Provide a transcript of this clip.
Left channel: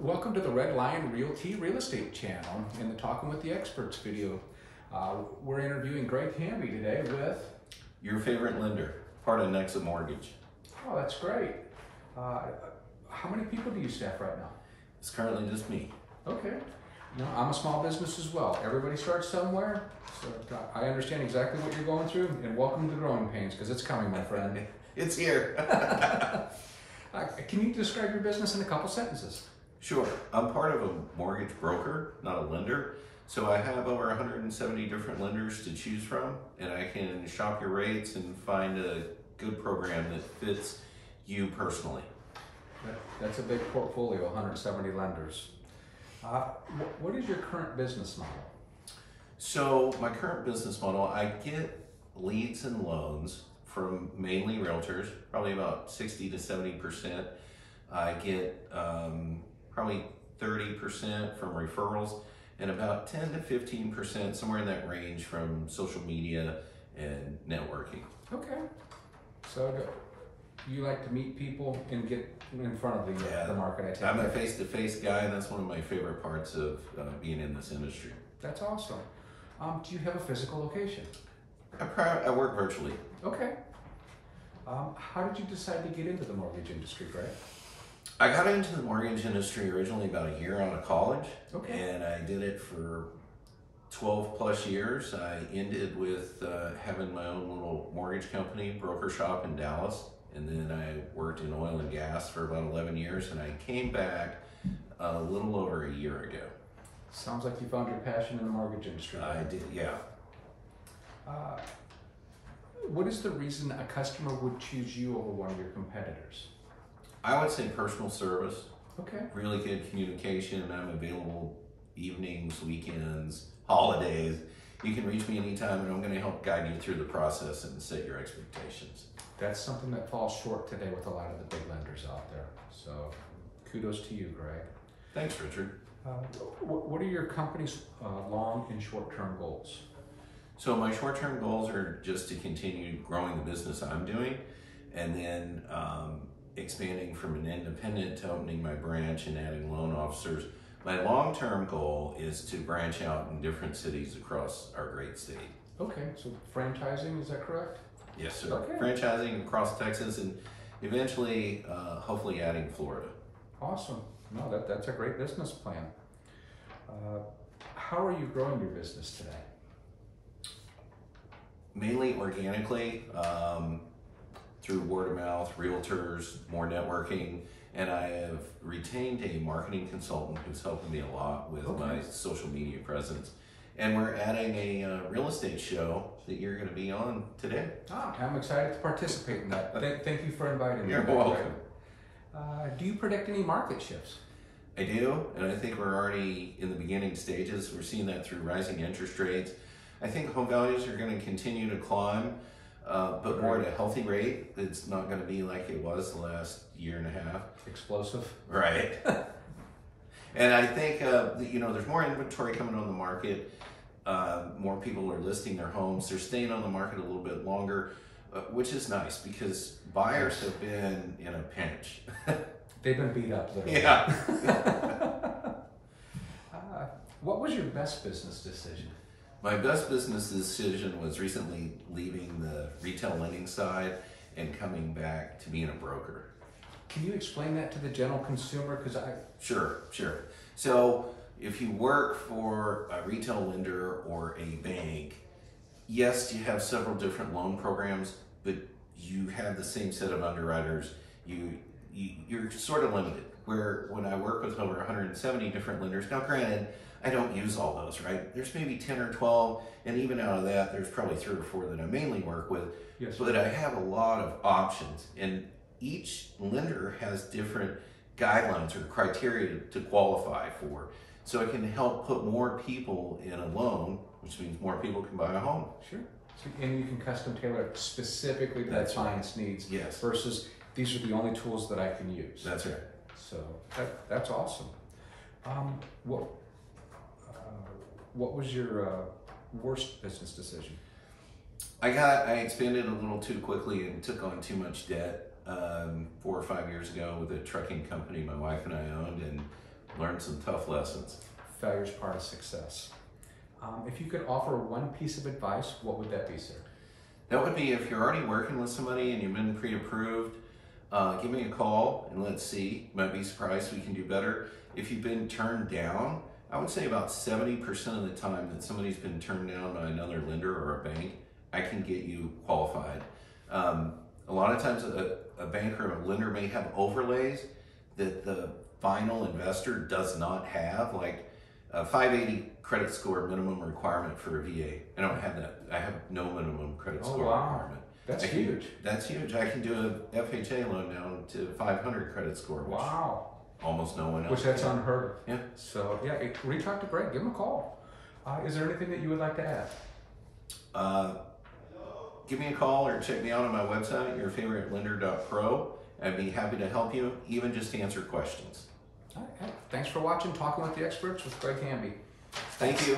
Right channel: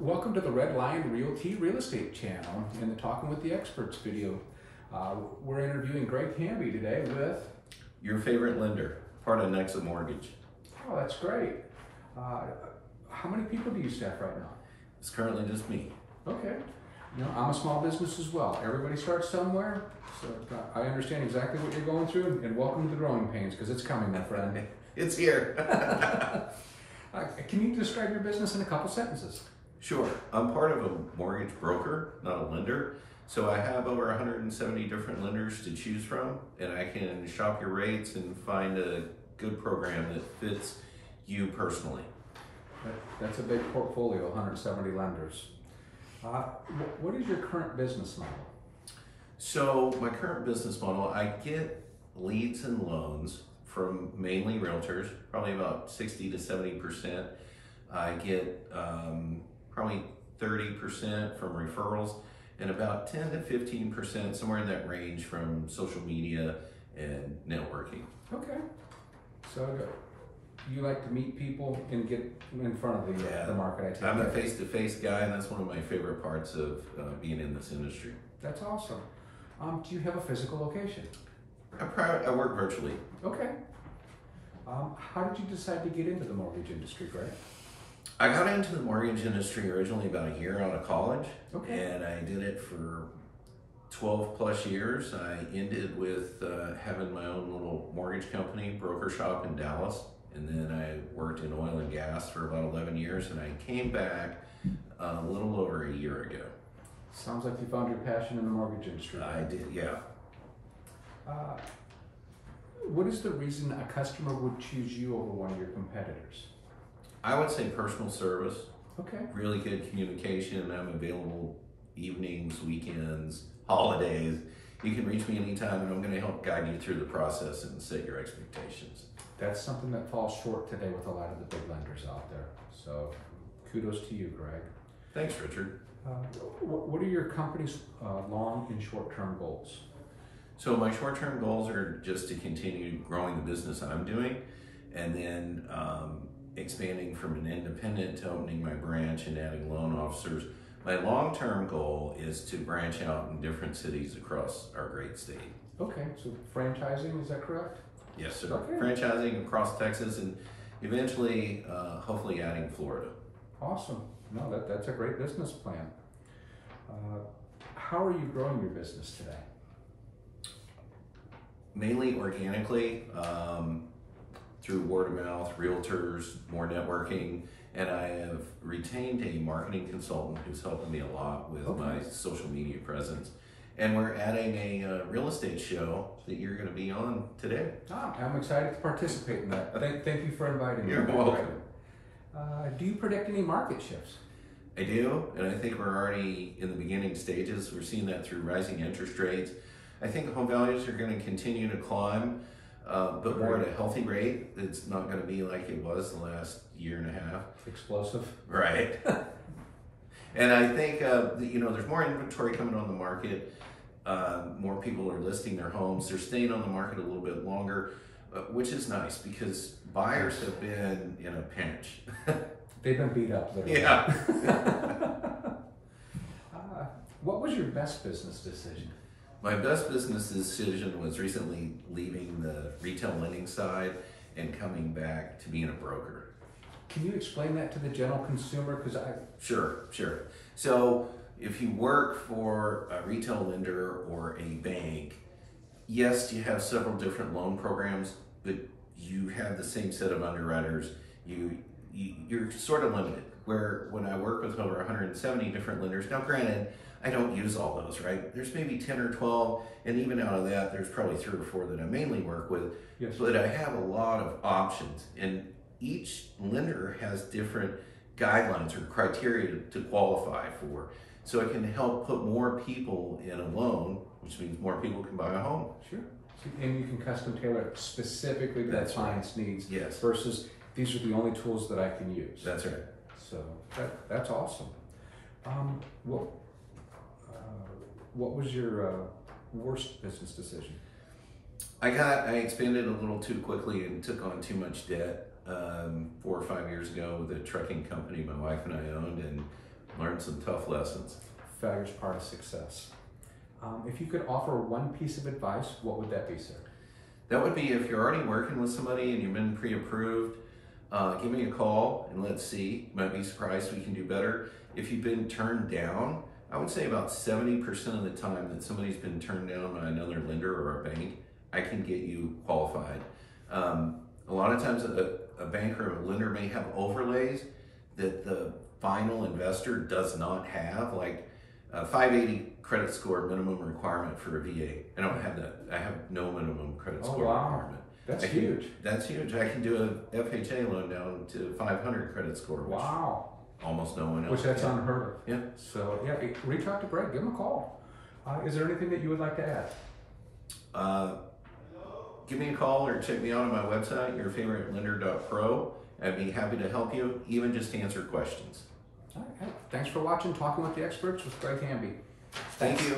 Welcome to the Red Lion Realty Real Estate channel in the Talking with the Experts video. We're interviewing Greg Hamby today with... Your favorite lender, part of Nexa Mortgage. Oh, that's great. How many people do you staff right now? It's currently just me. Okay. You know, I'm a small business as well. Everybody starts somewhere. So I understand exactly what you're going through, and welcome to the growing pains, because it's coming, my friend. It's here. Can you describe your business in a couple sentences? Sure. I'm part of a mortgage broker, not a lender. So I have over 170 different lenders to choose from, and I can shop your rates and find a good program that fits you personally. That's a big portfolio, 170 lenders. What is your current business model? So my current business model, I get leads and loans from mainly realtors, probably about 60 to 70%. I get probably 30% from referrals, and about 10 to 15%, somewhere in that range, from social media and networking. Okay. So you like to meet people and get in front of the market, I take it. I'm a face-to-face guy, and that's one of my favorite parts of being in this industry. That's awesome. Do you have a physical location? I work virtually. Okay. How did you decide to get into the mortgage industry, Greg? I got into the mortgage industry originally about a year out of college. Okay. And I did it for 12 plus years. I ended with having my own little mortgage company, broker shop in Dallas. And then I worked in oil and gas for about 11 years. And I came back a little over a year ago. Sounds like you found your passion in the mortgage industry. I did, yeah. What is the reason a customer would choose you over one of your competitors? I would say personal service. Okay. Really good communication. I'm available evenings, weekends, holidays. You can reach me anytime, and I'm going to help guide you through the process and set your expectations. That's something that falls short today with a lot of the big lenders out there. So kudos to you, Greg. Thanks, Richard. What are your company's long and short-term goals? So my short-term goals are just to continue growing the business I'm doing, and then expanding from an independent to opening my branch and adding loan officers. My long-term goal is to branch out in different cities across our great state. Okay, so franchising, is that correct? Yes, sir. Okay. Franchising across Texas, and eventually, hopefully adding Florida. Awesome. No, that's a great business plan. How are you growing your business today? Mainly organically, through word of mouth, realtors, more networking, and I have retained a marketing consultant who's helping me a lot with my social media presence. And we're adding a real estate show that you're going to be on today. I'm excited to participate in that. Thank you for inviting me. You're welcome. Do you predict any market shifts? I do, and I think we're already in the beginning stages. We're seeing that through rising interest rates. I think home values are going to continue to climb, but more at a healthy rate. It's not going to be like it was the last year and a half. Explosive. Right. And I think, there's more inventory coming on the market. More people are listing their homes. They're staying on the market a little bit longer, which is nice because buyers have been in a pinch. They've been beat up, literally. Yeah. What was your best business decision? My best business decision was recently leaving the retail lending side and coming back to being a broker. Can you explain that to the general consumer? Sure. So if you work for a retail lender or a bank, yes, you have several different loan programs, but you have the same set of underwriters. You're sort of limited. Where when I work with over 170 different lenders, now granted, I don't use all those, right? There's maybe 10 or 12, and even out of that, there's probably 3 or 4 that I mainly work with. Yes. But I have a lot of options, and each lender has different guidelines or criteria to qualify for. So it can help put more people in a loan, which means more people can buy a home. Sure. And you can custom tailor it specifically to that client's needs. Yes. Versus these are the only tools that I can use. That's right. So that's awesome. What was your worst business decision? I expanded a little too quickly and took on too much debt 4 or 5 years ago with a trucking company my wife and I owned, and learned some tough lessons. Failure's part of success. If you could offer one piece of advice, what would that be, sir? That would be if you're already working with somebody and you've been pre-approved, give me a call and let's see. You might be surprised we can do better. If you've been turned down, I would say about 70% of the time that somebody's been turned down by another lender or a bank, I can get you qualified. A lot of times a bank or a lender may have overlays that the final investor does not have, like a 580 credit score minimum requirement for a VA. I don't have that. I have no minimum credit score requirement. That's huge. That's huge. I can do a FHA loan down to 500 credit score. Wow. Almost no one else. Which that's unheard of. Yeah. So yeah, reach out to Greg, give him a call. Is there anything that you would like to add? Give me a call or check me out on my website, yourfavoritelender.pro. I'd be happy to help you, even just answer questions. All right. Thanks for watching Talking with the Experts with Greg Hamby. Thank you.